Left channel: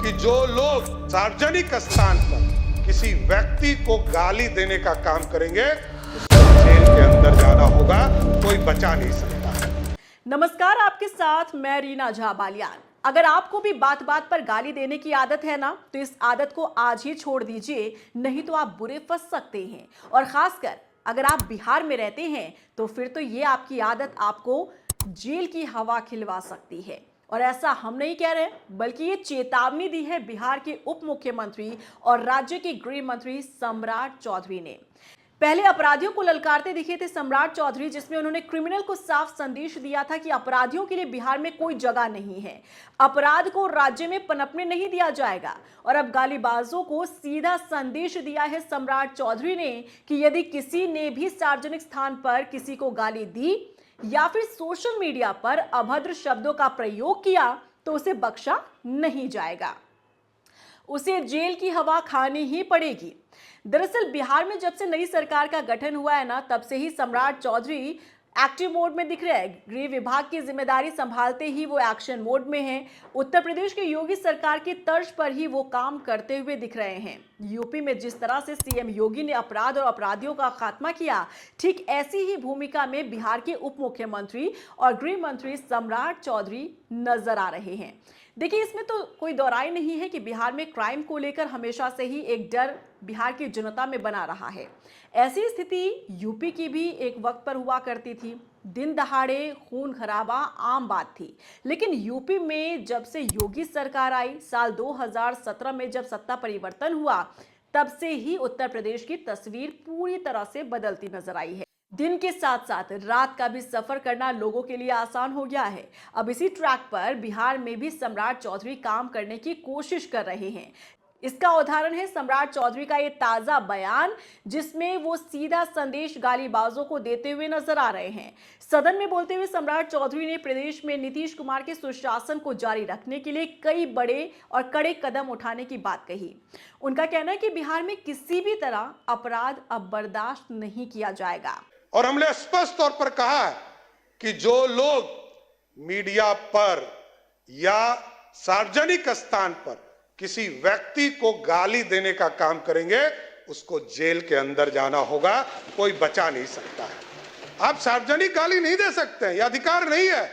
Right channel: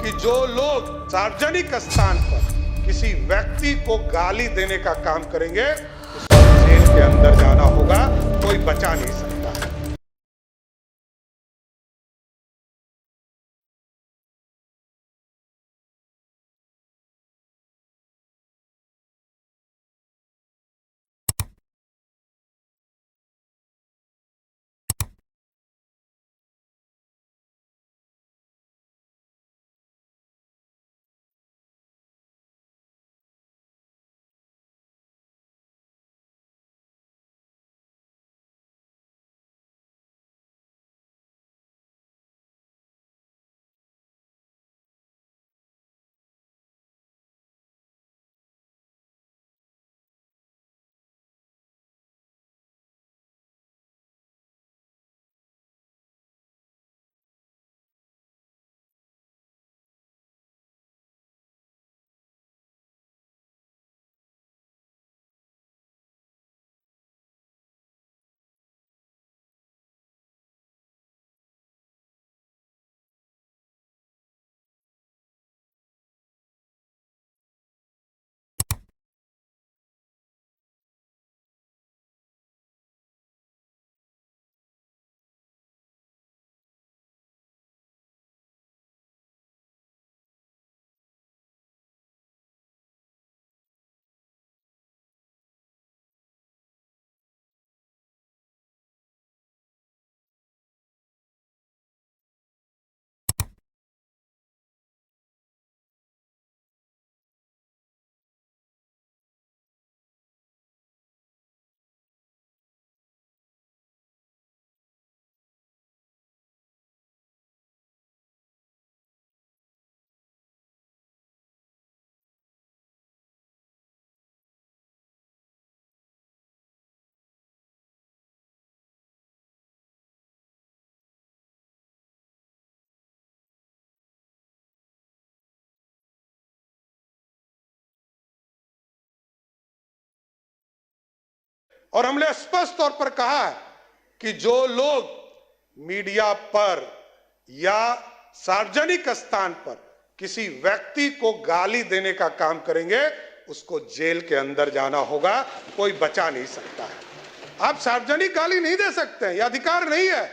कि जो लोग सार्वजनिक स्थान पर किसी व्यक्ति को गाली देने का काम करेंगे उसको जेल के अंदर जाना होगा, कोई बचा नहीं सकता है। नमस्कार, आपके साथ मैं रीना झा बालियान। अगर आपको भी बात बात पर गाली देने की आदत है ना, तो इस आदत को आज ही छोड़ दीजिए, नहीं तो आप बुरे फंस सकते हैं। और खासकर अगर आप बिहार में रहते हैं तो फिर तो ये आपकी आदत आपको जेल की हवा खिलवा सकती है। और ऐसा हम नहीं कह रहे, बल्कि ये चेतावनी दी है बिहार के उप मुख्यमंत्री और राज्य के गृह मंत्री सम्राट चौधरी ने। पहले अपराधियों को ललकारते दिखे थे सम्राट चौधरी, जिसमें उन्होंने क्रिमिनल को साफ संदेश दिया था कि अपराधियों के लिए बिहार में कोई जगह नहीं है, अपराध को राज्य में पनपने नहीं दिया जाएगा। और अब गालीबाजों को सीधा संदेश दिया है सम्राट चौधरी ने कि यदि किसी ने भी सार्वजनिक स्थान पर किसी को गाली दी या फिर सोशल मीडिया पर अभद्र शब्दों का प्रयोग किया तो उसे बख्शा नहीं जाएगा, उसे जेल की हवा खानी ही पड़ेगी। दरअसल बिहार में जब से नई सरकार का गठन हुआ है ना, तब से ही सम्राट चौधरी एक्टिव मोड में दिख रहे हैं। गृह विभाग की जिम्मेदारी संभालते ही वो एक्शन मोड में हैं। उत्तर प्रदेश की योगी सरकार की तर्ज पर ही वो काम करते हुए दिख रहे हैं। यूपी में जिस तरह से सीएम योगी ने अपराध और अपराधियों का खात्मा किया, ठीक ऐसी ही भूमिका में बिहार के उप मुख्यमंत्री और गृह मंत्री सम्राट चौधरी नजर आ रहे हैं। देखिए, इसमें तो कोई दौराई नहीं है कि बिहार में क्राइम को लेकर हमेशा से ही एक डर बिहार की जनता में बना रहा है। ऐसी स्थिति यूपी की भी एक वक्त पर हुआ करती थी। दिन दहाड़े खून खराबा आम बात थी। लेकिन यूपी में जब से योगी सरकार आई, साल 2017 में जब सत्ता परिवर्तन हुआ, तब से ही उत्तर प्रदेश की तस्वीर पूरी तरह से बदलती नजर आई है। दिन के साथ साथ रात का भी सफर करना लोगों के लिए आसान हो गया है। अब इसी ट्रैक पर बिहार में भी सम्राट चौधरी काम करने की कोशिश कर रहे हैं। इसका उदाहरण है सम्राट चौधरी का ये ताजा बयान, जिसमें वो सीधा संदेश गालीबाजों को देते हुए नजर आ रहे हैं। सदन में बोलते हुए सम्राट चौधरी ने प्रदेश में नीतीश कुमार के सुशासन को जारी रखने के लिए कई बड़े और कड़े कदम उठाने की बात कही। उनका कहना है कि बिहार में किसी भी तरह अपराध अब बर्दाश्त नहीं किया जाएगा। और हमने स्पष्ट तौर पर कहा है कि जो लोग मीडिया पर या सार्वजनिक स्थान पर किसी व्यक्ति को गाली देने का काम करेंगे उसको जेल के अंदर जाना होगा, कोई बचा नहीं सकता है। आप सार्वजनिक गाली नहीं दे सकते हैं, यह अधिकार नहीं है।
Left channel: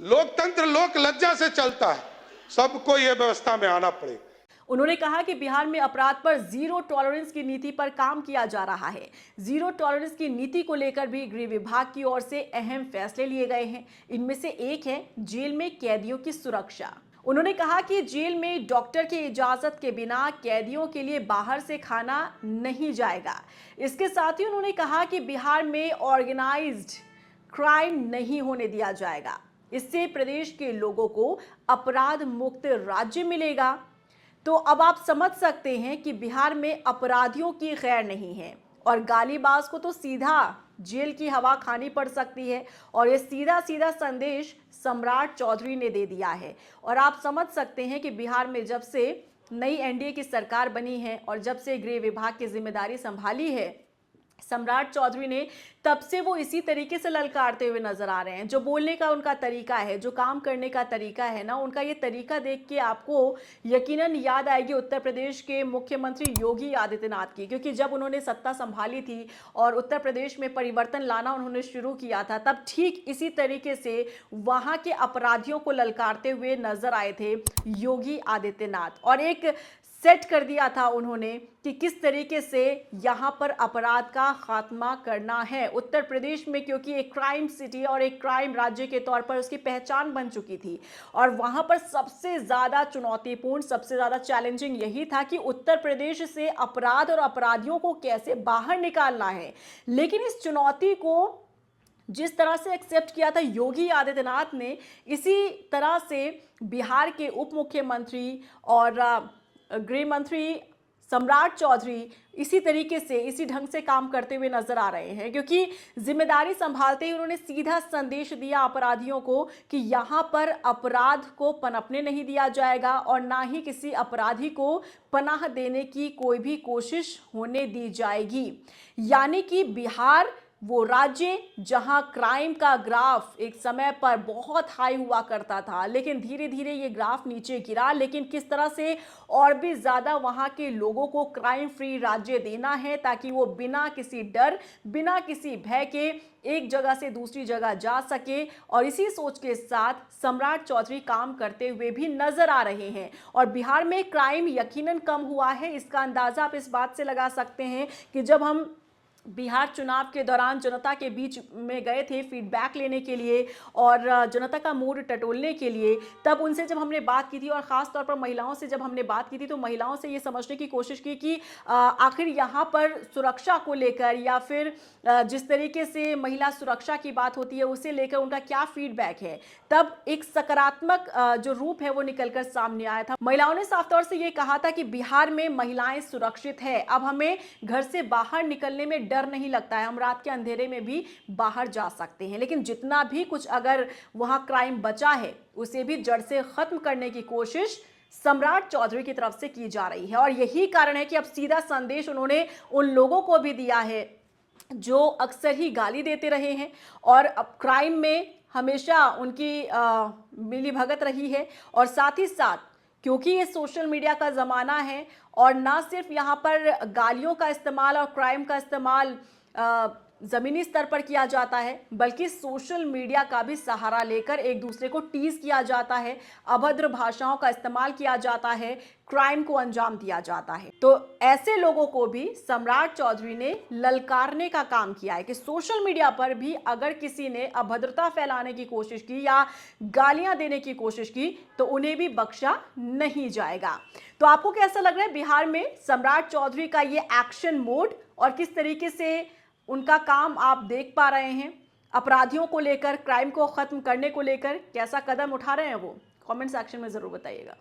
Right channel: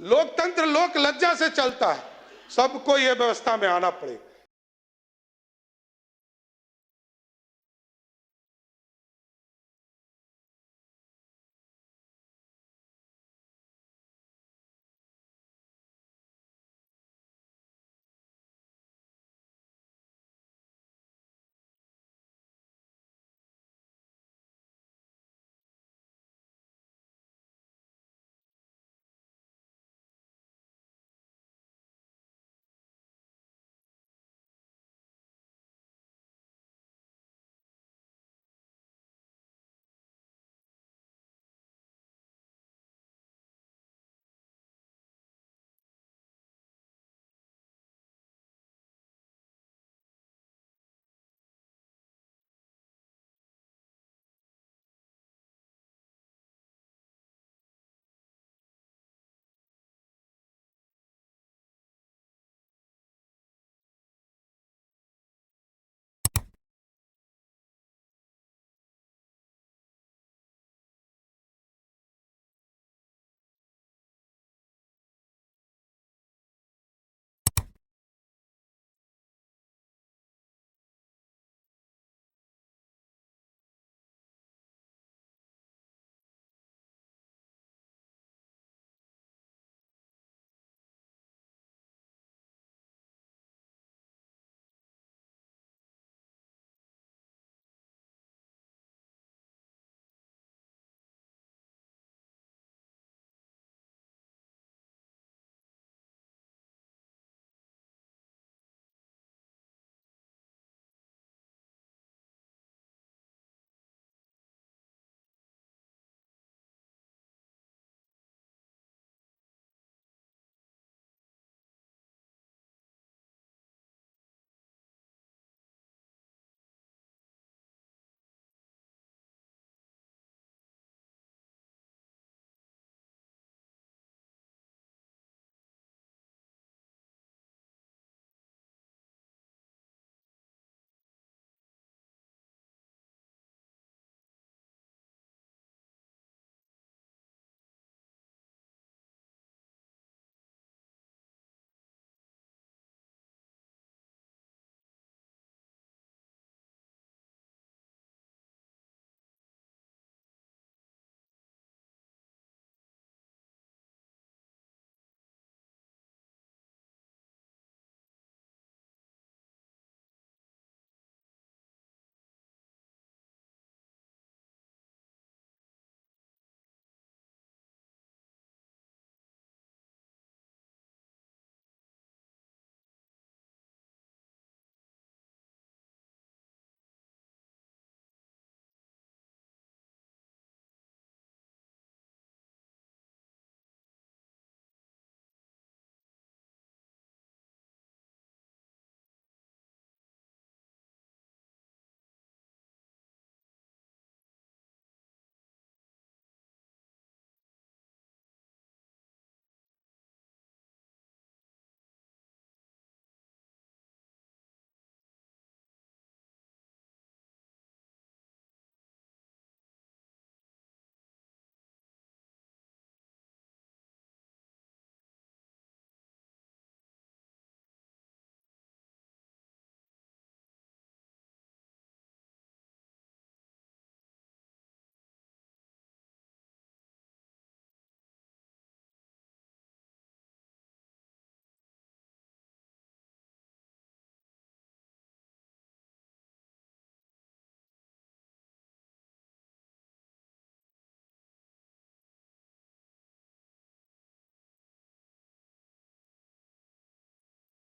लोकतंत्र लोक लज्जा से चलता है, सबको यह व्यवस्था में आना पड़ेगा। उन्होंने कहा कि बिहार में अपराध पर जीरो टॉलरेंस की नीति पर काम किया जा रहा है। जीरो टॉलरेंस की नीति को लेकर भी गृह विभाग की ओर से अहम फैसले लिए गए हैं। इनमें से एक है जेल में कैदियों की सुरक्षा। उन्होंने कहा कि जेल में डॉक्टर की इजाजत के बिना कैदियों के लिए बाहर से खाना नहीं जाएगा। इसके साथ ही उन्होंने कहा कि बिहार में ऑर्गेनाइज्ड क्राइम नहीं होने दिया जाएगा। इससे प्रदेश के लोगों को अपराध मुक्त राज्य मिलेगा। तो अब आप समझ सकते हैं कि बिहार में अपराधियों की खैर नहीं है और गालीबाज को तो सीधा जेल की हवा खानी पड़ सकती है। और ये सीधा सीधा संदेश सम्राट चौधरी ने दे दिया है। और आप समझ सकते हैं कि बिहार में जब से नई एनडीए की सरकार बनी है और जब से गृह विभाग की जिम्मेदारी संभाली है सम्राट चौधरी ने, तब से वो इसी तरीके से ललकारते हुए नजर आ रहे हैं। जो बोलने का उनका तरीका है, जो काम करने का तरीका है ना, उनका ये तरीका देख के आपको यकीनन याद आएगी उत्तर प्रदेश के मुख्यमंत्री योगी आदित्यनाथ की। क्योंकि जब उन्होंने सत्ता संभाली थी और उत्तर प्रदेश में परिवर्तन लाना उन्होंने शुरू किया था, तब ठीक इसी तरीके से वहां के अपराधियों को ललकारते हुए नजर आए थे योगी आदित्यनाथ। और एक सेट कर दिया था उन्होंने कि किस तरीके से यहां पर अपराध का खात्मा करना है उत्तर प्रदेश में, क्योंकि एक क्राइम सिटी और एक क्राइम राज्य के तौर पर उसकी पहचान बन चुकी थी। और वहां पर सबसे ज्यादा चुनौतीपूर्ण, सबसे ज्यादा चैलेंजिंग यही था कि उत्तर प्रदेश से अपराध और अपराधियों को कैसे बाहर निकालना है। लेकिन इस चुनौती को जिस तरह से एक्सेप्ट किया था योगी आदित्यनाथ ने, इसी तरह से बिहार के उप मुख्यमंत्री और गृह मंत्री सम्राट चौधरी इसी तरीके से, इसी ढंग से काम करते हुए नजर आ रहे हैं। क्योंकि जिम्मेदारी संभालते ही उन्होंने सीधा संदेश दिया अपराधियों को कि यहां पर अपराध को पनपने नहीं दिया जाएगा और ना ही किसी अपराधी को पनाह देने की कोई भी कोशिश होने दी जाएगी। यानी कि बिहार वो राज्य जहां क्राइम का ग्राफ एक समय पर बहुत हाई हुआ करता था, लेकिन धीरे धीरे ये ग्राफ नीचे गिरा। लेकिन किस तरह से और भी ज़्यादा वहां के लोगों को क्राइम फ्री राज्य देना है ताकि वो बिना किसी डर, बिना किसी भय के एक जगह से दूसरी जगह जा सके, और इसी सोच के साथ सम्राट चौधरी काम करते हुए भी नजर आ रहे हैं। और बिहार में क्राइम यकीनन कम हुआ है, इसका अंदाजा आप इस बात से लगा सकते हैं कि जब हम बिहार चुनाव के दौरान जनता के बीच में गए थे फीडबैक लेने के लिए और जनता का मूड टटोलने के लिए, तब उनसे जब हमने बात की थी और ख़ास तौर पर महिलाओं से जब हमने बात की थी, तो महिलाओं से ये समझने की कोशिश की कि आखिर यहाँ पर सुरक्षा को लेकर या फिर जिस तरीके से महिला सुरक्षा की बात होती है उसे लेकर उनका क्या फीडबैक है। तब एक सकारात्मक जो रूप है वो निकलकर सामने आया था। महिलाओं ने साफ तौर से ये कहा था कि बिहार में महिलाएं सुरक्षित है, अब हमें घर से बाहर निकलने में डर नहीं लगता है, हम रात के अंधेरे में भी बाहर जा सकते हैं। लेकिन जितना भी कुछ अगर वहां क्राइम बचा है उसे भी जड़ से खत्म करने की कोशिश सम्राट चौधरी की तरफ से की जा रही है। और यही कारण है कि अब सीधा संदेश उन्होंने उन लोगों को भी दिया है जो अक्सर ही गाली देते रहे हैं और अब क्राइम में हमेशा उनकी मिलीभगत रही है। और साथ ही साथ क्योंकि ये सोशल मीडिया का ज़माना है और ना सिर्फ यहाँ पर गालियों का इस्तेमाल और क्राइम का इस्तेमाल ज़मीनी स्तर पर किया जाता है, बल्कि सोशल मीडिया का भी सहारा लेकर एक दूसरे को टीज किया जाता है, अभद्र भाषाओं का इस्तेमाल किया जाता है, क्राइम को अंजाम दिया जाता है। तो ऐसे लोगों को भी सम्राट चौधरी ने ललकारने का काम किया है कि सोशल मीडिया पर भी अगर किसी ने अभद्रता फैलाने की कोशिश की या गालियां देने की कोशिश की तो उन्हें भी बख्शा नहीं जाएगा। तो आपको कैसा लग रहा है बिहार में सम्राट चौधरी का ये एक्शन मोड, और किस तरीके से उनका काम आप देख पा रहे हैं? अपराधियों को लेकर, क्राइम को खत्म करने को लेकर कैसा कदम उठा रहे हैं वो? कमेंट सेक्शन में जरूर बताइएगा।